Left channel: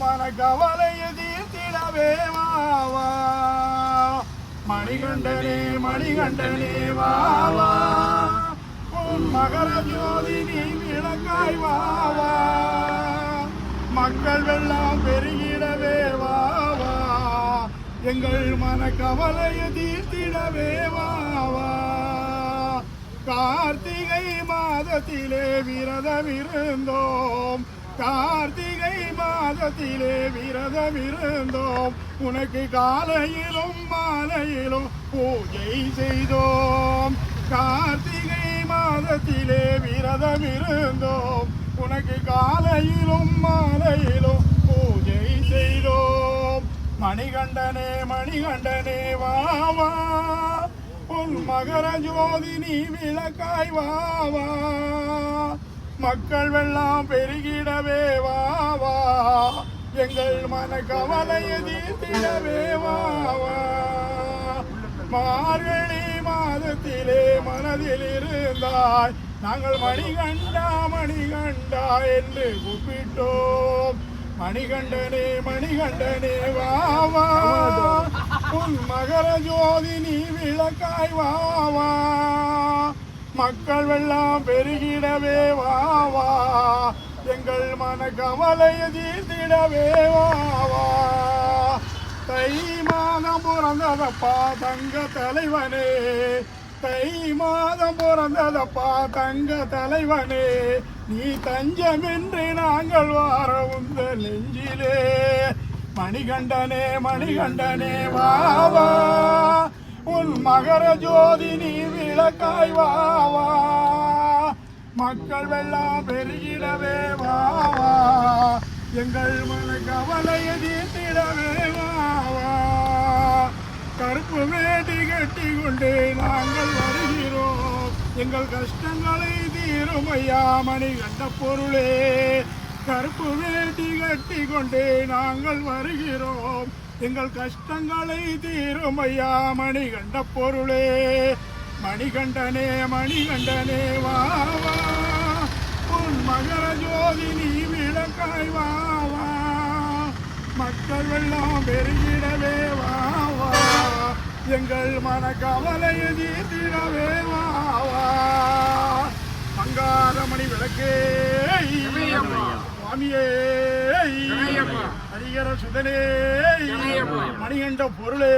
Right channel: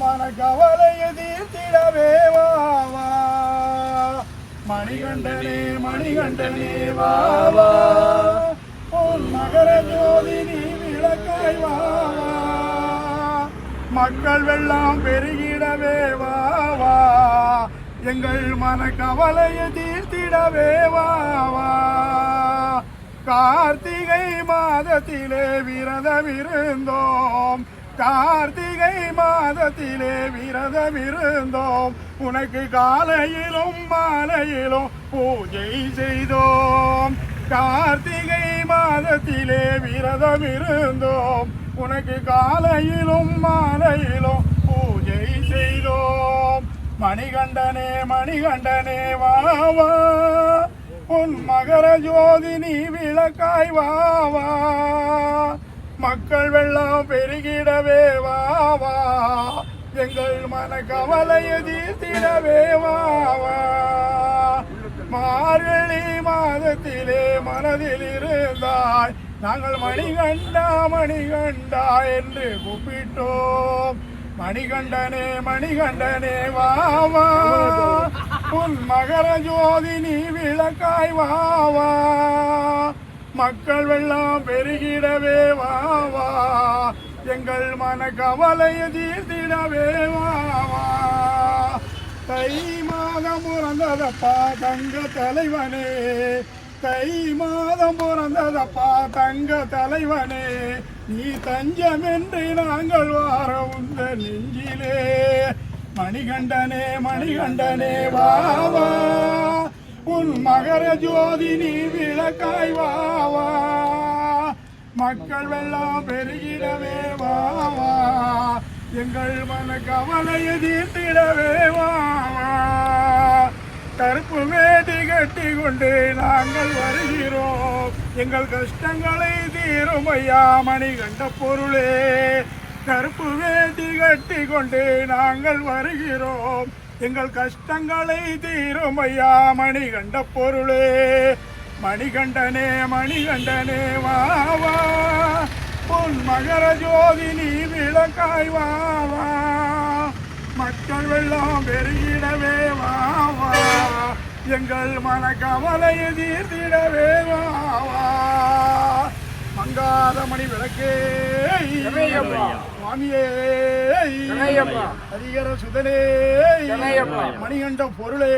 மன கவலையை தீர்த்திடவே வாவா மணிகண்டனே மணிகண்டனே வாவா உன் மகர ஜோதி நீ விளக்காய் வாவா மக்கள் வெள்ளம் பெருகிடவே வாவா எங்கள் மன கவலையை தீர்த்திடவே வாவா கார்த்திகை மாதத்திலே விரதம் இருந்தோம் கார்த்திகை மாதத்திலே விரதம் இருந்தோம் உனக்கு காலையிலும் மாலையிலும் பூஜை செய்தோம். கார்த்திகை மாதத்திலே விரதம் இருந்தோம் உனக்கு காலையிலும் மாலையிலும் பூஜை செய்தோம். மணிகண்டனே மணிகண்டனே வாவா உன் மகர ஜோதி நீ விளக்காய் வாவா மக்கள் வெள்ளம் பெருகிடவே வாவா எங்கள் மன கவலையை தீர்த்திடவே வாவா மார்கழி மாதத்திலே மனதில் இருந்தாய். நாங்கள் மணிகண்டா மணிகண்டா என்று கூப்பிட்டோம். மணிகண்டனே மணிகண்டனே வாவா உன் மகர ஜோதி நீ விளக்காய் வாவா மக்கள் வெள்ளம் பெருகிடவே வாவா எங்கள் மன கவலையை தீர்த்திடவே வாவா தை மாதம் பிறந்ததப்பா தங்க தலைவனே. தை மாதம் பிறந்ததப்பா தங்க தலைவனே. நீ தஞ்சம் நாங்கள் வார உந்த நெஞ்சிலே. மணிகண்டனே மணிகண்டனே வாவா உன் மகர ஜோதி நீ விளக்காய் வாவா. மக்கள் வெள்ளம் பெருகிடவே வாவா. எங்கள் மன கவலையை தீர்த்திடவே வாவா. கருப்பு வேட்டி கட்டி கொண்டு நாங்கள் வருகிறோம். எங்கள் கஷ்டங்களை தீரும் ஐயா மணி கண்ட பொருளே. கருப்பு வேட்டி கட்டி கொண்டு நாங்கள் வருகிறோம். எங்கள் கஷ்டங்களை தீரும் ஐயா மணிகண்ட பொருளே. மணிகண்டனே மணிகண்டனே வா வா. உன் மகர ஜோதி நீ விளக்காய் வா மக்கள் வெள்ளம் பெருகிடவே வா எங்கள் மன கவலையை தீர்த்திடவே வா வா. மங்காரமணி விளக்கே. சுவாமியே அதிகர சுதனே மணிகண்ட பொருளே.